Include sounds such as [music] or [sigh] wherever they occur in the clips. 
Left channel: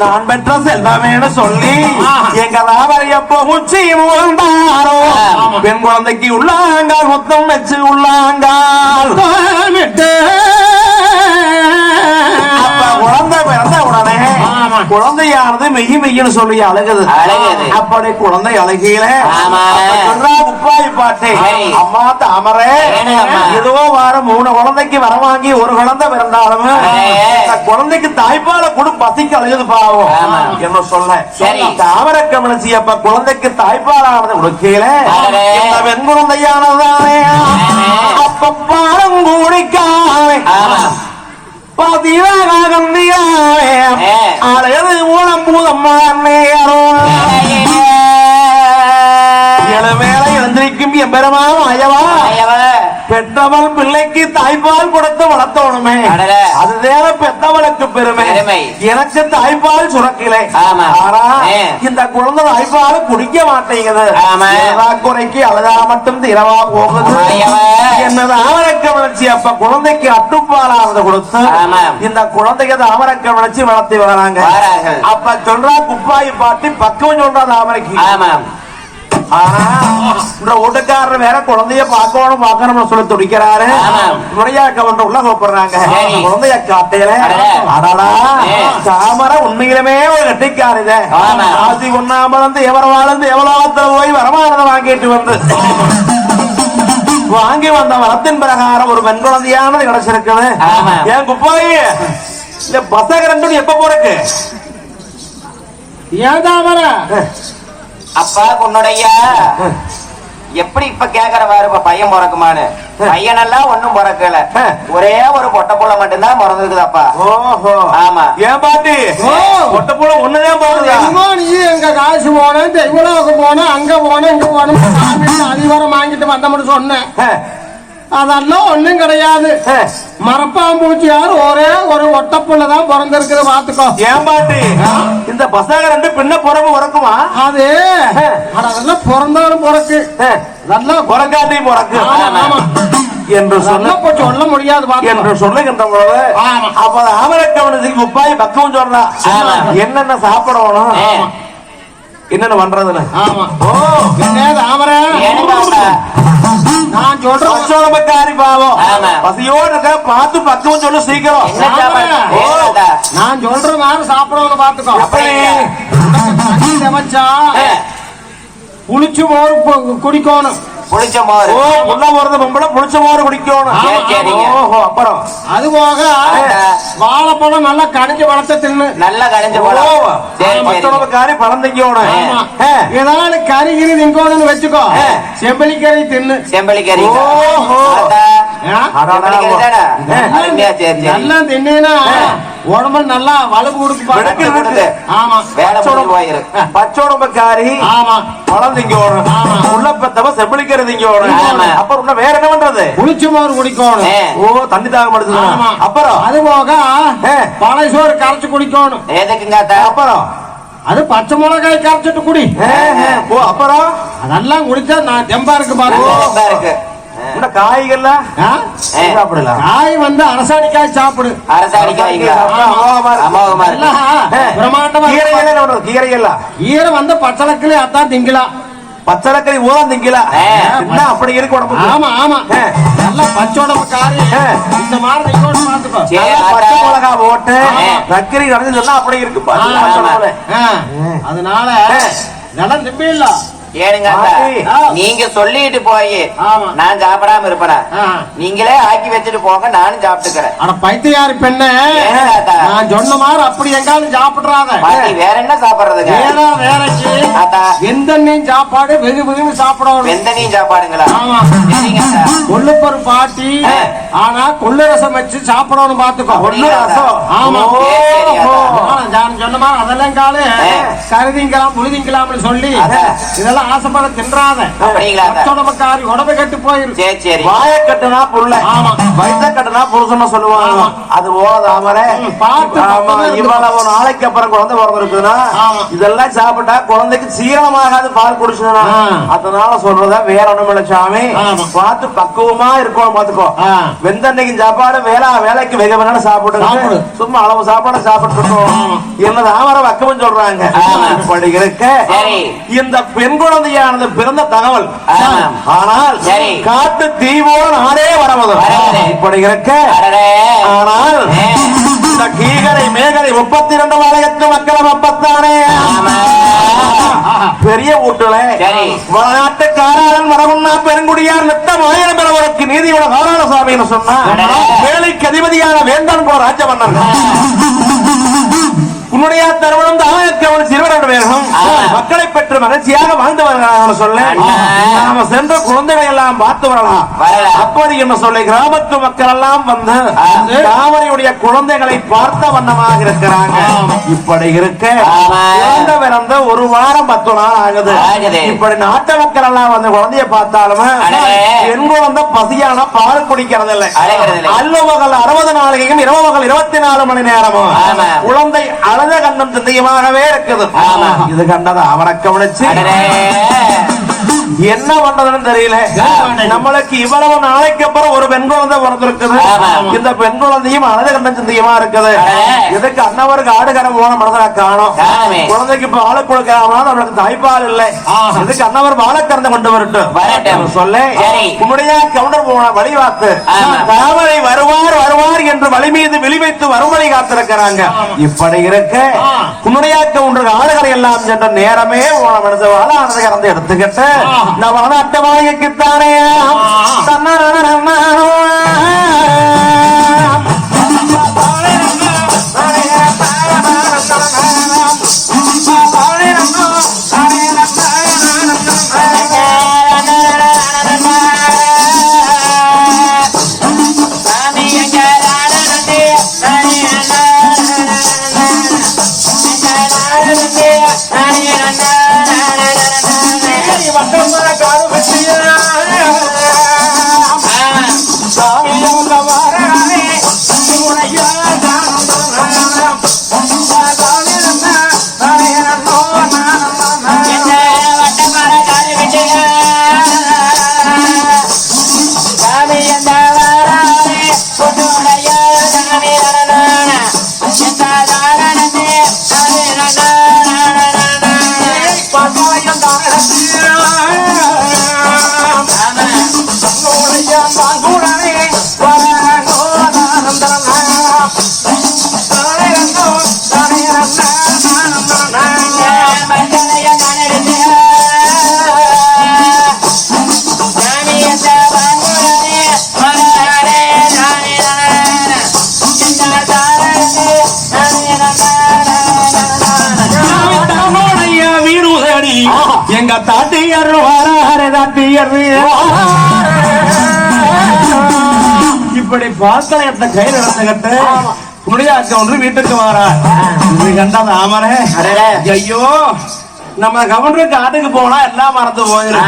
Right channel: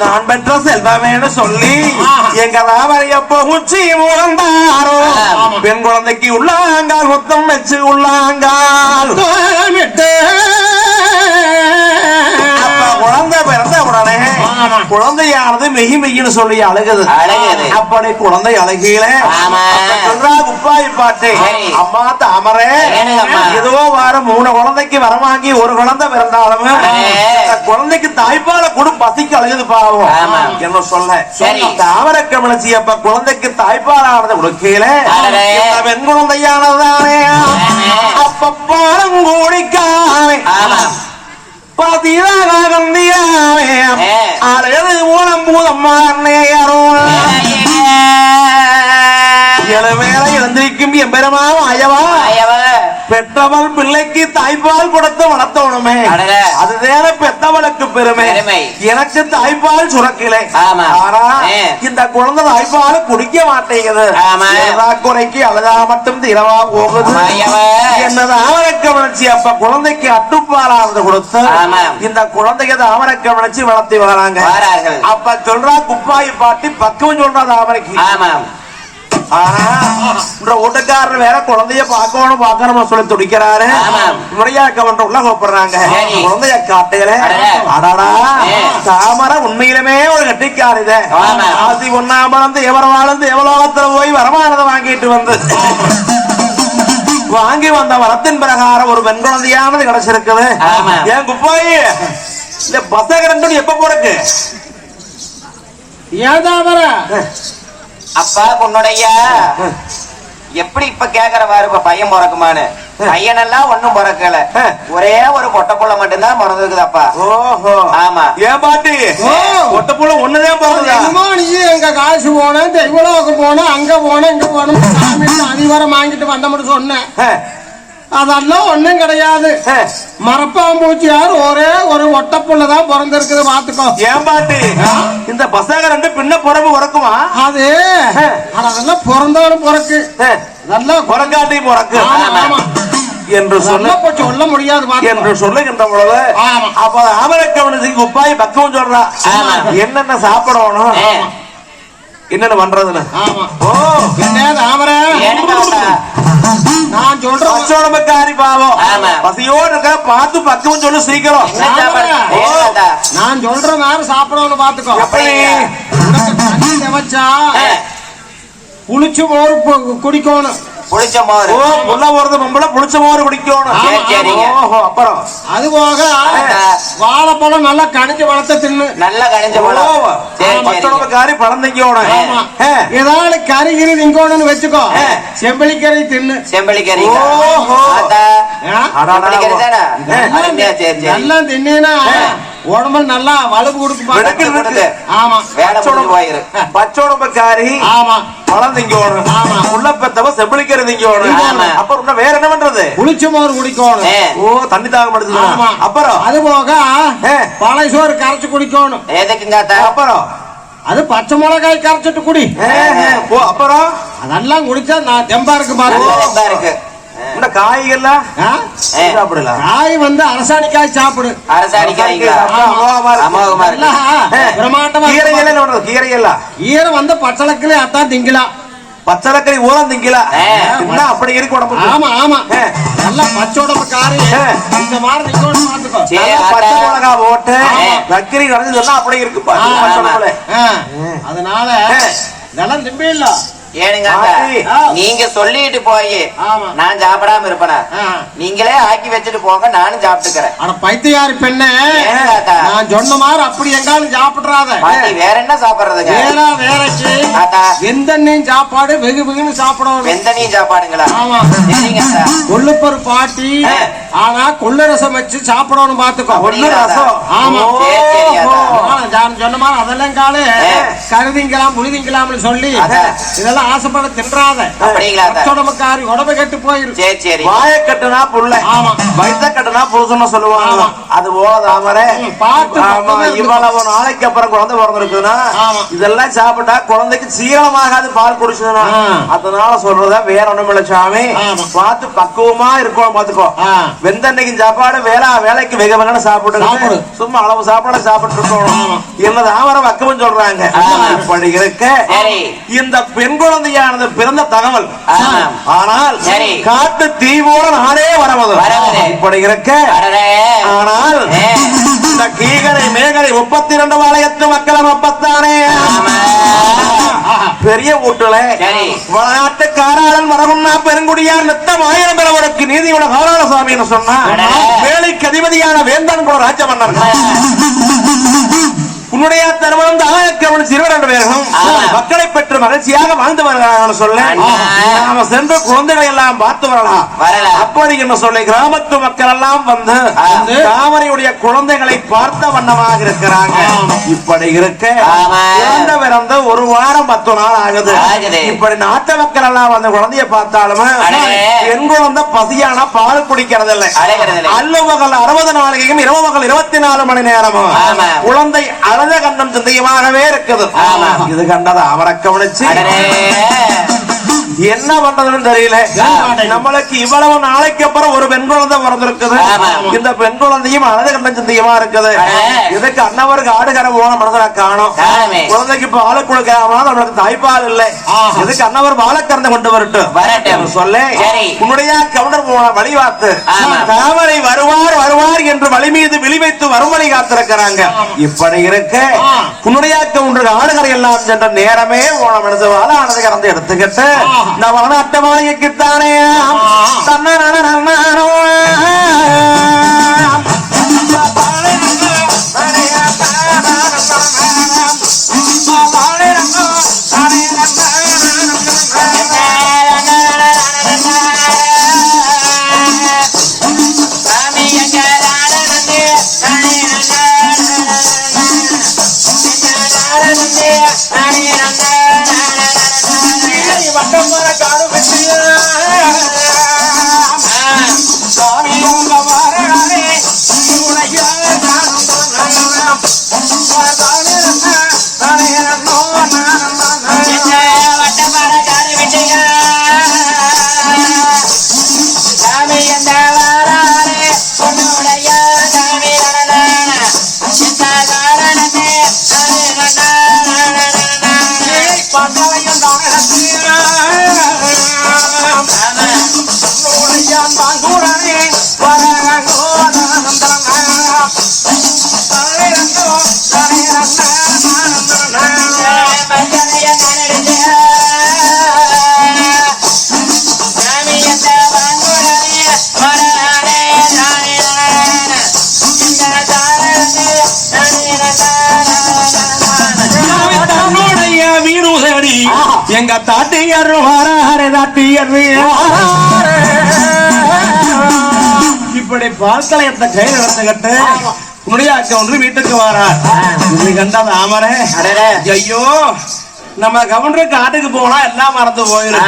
நான் பெற்ற செல்வமேனு சொல்லி எங்க வாவரையப்போ உச்சி முகந்தாரோ பெண் குழந்தைக்கு உள்ளாங்கால் முத்தம் வச்சு உள்ளாங்கால். குழந்தையானது மெய் மெய்ன்னு சொல்லி அழுகுது. அப்படி குழந்தை சொல்றா குப்பாய் பாட்டு. அம்மா தாமரை? ஏதோ வார மூணு குழந்தைக்கு வர வாங்கி ஒரு குழந்தை பிறந்தாலும் குழந்தைக்கு தாய்ப்பால கொடு பசிக்கு அழுகுது பாவம். என்ன சொல்ல. தாமரை கமலச்சி அப்ப குழந்தைக்கு தாய்ப்பாலானது. இந்த பெண் குழந்தையானதானே. அப்ப பாலம் கூடிக்கானே ஆமா பதினாகம் தீரானே ஏ. அழகு மூலம் ஏழு மேல எழுந்திருக்கும் எம்பெருமா மாயவா ஐயவ. பெற்றவள் பிள்ளைக்கு தாய்ப்பால் கொடுத்து வளர்த்தோணுமே. அதுதான பெருமை பெருமை. எனக்கு தாய்ப்பால் சுரக்கலை ஆமா. ஆனா ஏ. இந்த குழந்தை தாய்ப்பால் குடிக்க மாட்டேங்குது குறைக்கு அழுதா மட்டும் தினமா போகுது. என்னது ஆமரக்க வளர்ச்சி அப்ப குழந்தைக்கு அட்டுப்பாலானது கொடுத்து. இந்த குழந்தைக்கு ஆமரக்க வளர்ச்சி வளர்த்தி வராங்க. அப்ப சொல்றா குப்பாய் பாட்டி பக்குவம் சொல்றா தாமரைக்கு வீட்டுக்காரர் வேற குழந்தைய பார்க்கணும் பார்க்கணும் சொல்லி துடிக்கிறாரு. முறையாக்க உள்ள கூப்பிடுறாங்க. குழந்தைய காட்டையில. தாமரை உண்மையிலுமே ஒரு கட்டிக்காரித. ஆசி ஒண்ணாம இருந்து எவர வாழ்ந்து எவ்வளவு போய் வரமானதை வாங்கிட்டு வந்து வாங்கி வந்த வரத்தின் பிரகாரம் ஒரு பெண் குழந்தையானது கிடைச்சிருக்குது. ஏன் குப்பாய்? இல்ல பசங்க எப்ப போறக்கு ஏன் தாமர? அப்பா உன்னுடைய எப்படி இப்ப கேக்குறவாரு இப்ப பையன் பிறக்குமான்னு. பையனெல்லாம் ஒண்ணும் பிறக்கல. ஒரே ஒரு பொட்டை புள்ள மட்டும்தான் பிறந்திருக்குது அப்பா ஓஹோ. ஆமா. ஏன் பாட்டி? ஓ. ஒட்ட புள்ள ஒண்ணுதான் பிறந்ததா நீ எங்க காசு போன தெய்வலோகம் போன அங்க போன இங்க போன அதிகாரம் வாங்கிட்டு வந்தோம்னு சொன்னேன் ஆ, அதெல்லாம் ஒண்ணும் கிடையாது. மரப்பாம்பூச்சியார் ஒரே ஒரு ஒட்டப்புள்ள தான் பிறந்திருக்குது பாத்துக்கோ ஏன் பாட்டி? இந்த பசங்க ரெண்டு பின்ன புறம்பு உறக்குமா அது. அதெல்லாம் பிறந்தாலும் பிறக்கு. நல்லா புறங்காட்டி புறக்கு. என்று சொன்ன சொல்ல முடியாது என்று சொல்லுகின்ற பொழுது. அப்ப ஆமரக்கவனத்துக்கு முப்பாய் பக்குவம் சொல்றா. என்னென்ன சாப்பிடணும் என்னென்ன பண்றதுன்னு நான் சொல்றேன் பசியோடு இருக்க பார்த்து சொல்லு சீக்கிரம்? நான் சொல்றேன் நான் சாப்பிடணும் பாத்துக்கோ எப்படி? தண்ணி சமைச்சா [laughs] ஏ, புளிச்சு மோர் பு- குடிக்கணும். புளிச்ச மோர். ஓ புள்ள போறது பொம்பளை புளிச்ச மோறு குடிக்கணும். சரி, சரிங்க. ஓஹோ அப்புறம். அது போக. வாழைப்பழம் நல்லா கணிச்சு வளர்த்த தின்னு. நல்ல கனிஞ்ச பழம் சரி பச்சோடமக்காரி பழம் திங்கணும். ஏதாவது கறி கிரி திங்கணும்னு வச்சுக்கோ. செம்பளிக்கறி தின்னு. செம்பளிக்கறிங்க. ஓஹோ. எல்லாம் தின்னா உடம்பு நல்லா வலுப்பு. கொடுத்து. ஆமா. வேலை முடிஞ்சு போயிரு பச்சோடமக்காரி ஆமா. பழம் திங்கணும் ஆமா. உள்ள பெத்தவ. அப்புறம் வேற என்ன பண்றது? புளிச்சு மோர் குடிக்கணும். ஓ தண்ணி தாகம் எடுத்துக்கணும். ஆமா. அப்புறம்? அது போக. பழைய சோறு கரைச்சு குடிக்கணும். எதுக்குங்க? அப்புறம்? அது பச்சை மிளகாய் கரைச்சிட்டு குடி. ஓ அப்புறம்? அதெல்லாம் குடிச்சா நான் தெம்பா இருக்கு பாரு. நல்ல தெம்பா இருக்கு. இந்த காய்கள்லாம் சாப்பிடலாம். காய் வந்து சாப்பிடு. அரசாணி. அமோகமா இருக்கு. நல்லா ஏ, பிரமாண்டமா பண்றது கீரைகள்லாம் ஈரம் வந்து பச்சளக்குல அத்தான் திங்கலாம் பச்சளக்கறி ஊரம் திங்கலாம். என்ன அப்படி இருக்கு உடம்புக்கு. ஆமா ஆமா. நல்ல பச்சோடம்பு காரி. இந்த மாதிரி பாத்துக்கோ நல்லா பச்சை. மிளகா போட்டு. நக்கரி கடைஞ்சு சொன்னா அப்படியே இருக்கு. அதனால திம்பி இல்ல ஏனுங்க. நீங்க சொல்லிட்டு போய். நான் சாப்பிடாம இருப்பேனா. நீங்களே ஆக்கி வச்சுட்டு போங்க நானும் சாப்பிட்டுக்கிறேன் அட பைத்தியாரி பெண்ணே? நான் சொன்ன மாதிரி அப்படி எங்காலும் சாப்பிடுறாத வேற என்ன சாப்பிடுறதுங்க வேற எந்தெண்ணையும் சாப்பாடு வெகு வெகுன்னு சாப்பிடணும் வெந்தனையும் சாப்பாடுங்களா ஆமா. கொள்ளுப்பரு பாட்டி. ஆனா கொள்ளு ரசம் வச்சு சாப்பிடணும் பாத்துக்கோ ஒண்ணு ரசம் ஆமா. ஆனா, நான் சொன்ன மாதிரி அதெல்லாம் காலு ஆ. கருதிங்கலாம் புழுதிங்கலாம்னு சொல்லி. இதெல்லாம் ஆசைப்பட தின்றாத அப்படிங்களா உடம்பு கெட்டு போயிருக்கு சரி சரி வாய கட்டுனா புள்ள. வயிற்ற கட்டுனா புருஷமா சொல்லுவாங்க. அது போல தாமரை இவ்வளவு நாளைக்கு அப்புறம் குழந்தை பிறந்திருக்குன்னா ஆமா. இதெல்லாம் சாப்பிட்டா குழந்தைக்கு சீரணமாகாது பால் குடிச்சதுன்னா. அதனால சொல்றத வேற ஒண்ணும் இல்ல சாமி. பார்த்து பக்குவமா இருக்கோம் பாத்துக்கோ. வெந்தன்னைக்கு சாப்பாடு வேலை வேலைக்கு வெக வேணாலும் சாப்பிட்டு சாப்பிடு. சும்மா அளவு சாப்பாடு சாப்பிட்டு இருக்கோம் என்ன தாமரை வக்கமும் சொல்றாங்க இருக்க சரி. இந்த பெண் குழந்தையானது பிறந்த தகவல். ஆனால். காட்டு தீவோட நானே வரவது. இப்படி இருக்க. ஆனால் இந்த கீகரை மேகரை முப்பத்தி ரெண்டு மலையத்து மக்களை முப்பத்தானே. பெரிய வீட்டுல சரி. விளையாட்டுக்காரன் மரபுண்ணா பெருங்குடியார் நித்தம் ஆயிரம் பிறவருக்கு நீதியோட நாராயணசாமின்னு சொன்னா. வேலைக்கு அதிபதியான வேந்தான் ராஜமன்னன் உன்னுடைய தருவனம் தாயக்கவன் சிறுவன் ரெண்டு பேரும் ஆமா. மக்களை பெற்று மகிழ்ச்சியாக வாழ்ந்து வருகிறாங்கன்னு சொல்ல. நாம சென்ற குழந்தைகளை எல்லாம் பார்த்து வரலாம் வரலாம். அப்படி என்ன சொல்லி கிராமத்து மக்கள் எல்லாம் வந்து தாமரையுடைய குழந்தைகளை பார்த்த வண்ணமாக இருக்கிறாங்க இப்படி இருக்க ஆமா. பிறந்த ஒரு வாரம் பத்து நாள் ஆகுது. இப்படி நாட்டு மக்கள் எல்லாம் வந்து குழந்தைய பார்த்தாலுமே. பெண் குழந்தை பசியான பால் குடிக்கிறது இல்லை அழகிறது இல்லை. அல்ல பகல் அறுபது நாளைக்கும் இரவு பகல் இருபத்தி நாலு மணி நேரமும். குழந்தை அழுத கண்ணும் சிந்தையமாகவே இருக்குது. இது கண்டதை அவரை கவனிச்சு. என்ன பண்றதுன்னு தெரியல. நம்மளுக்கு இவ்வளவு நாளைக்கு அப்புறம் ஒரு பெண் குழந்தை பிறந்திருக்குது. இந்த பெண் குழந்தையும் அழகு கண்ட சிந்தையமா இருக்குது. இதுக்கு அண்ணவருக்கு ஆடுகரை போன மனதை காணும். குழந்தைக்கு பால் கொடுக்காம நம்மளுக்கு தாய்ப்பால் இல்லை. இதுக்கு அண்ணவர் பாலக்கறந்து கொண்டு வரட்டும். சொல்ல. உன்னுடைய கவுண்டர் போன வழிவாத்து ஆமா. தாமரை வருவார் வருவார் என்று வழி மீது விழி வைத்து வருமணி காத்திருக்கிறாங்க இப்படி இருக்க ஆ. உன்னுடைய கவுண்டர் ஆடுகளை எல்லாம் சென்ற நேரமே போன மனசு வாழ ஆனதை கறந்து எடுத்துக்கிட்டு ஆ. நம்ம நாட்டு இப்படி பாக்கலையத்தை கையில் நடந்துகிட்டு முடியாச்ச ஒன்று வீட்டுக்கு வாரார். இது கண்ட தாமரை. ஐயோ நம்ம கவர்னருக்கு காட்டுக்கு போனா எல்லாம் மறந்து போயிடும்.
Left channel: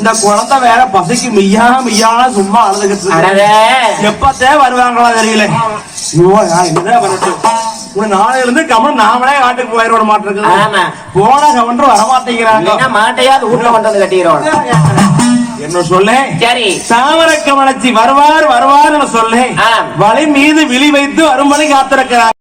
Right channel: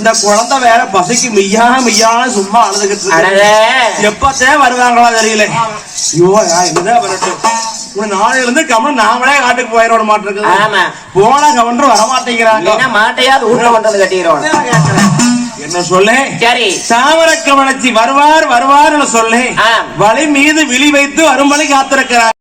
இந்த குழந்தை வேற பசிக்கு மெய்யா மெய்யா சும்மா அழுதுகிட்டு. எப்பத்தே வருவாங்களா தெரியல. இங்கதான் வரட்டும் நாளையில இருந்து கமன் நாமளே காட்டுக்கு போயிட மாட்டிருக்குது. ஆமா. போன கவர்னர் வரமாட்டேங்கிறாங்க இல்லைன்னா மாட்டையாவது ஊட்ட கொண்டு வந்து கட்டிக்கிறோம். என்ன சொல்லு? சரி. தாமரக்க வளர்ச்சி வருவார் வருவார் சொல்லு. வலை மீது விழி வைத்து வரும்படி காத்திருக்கிறார்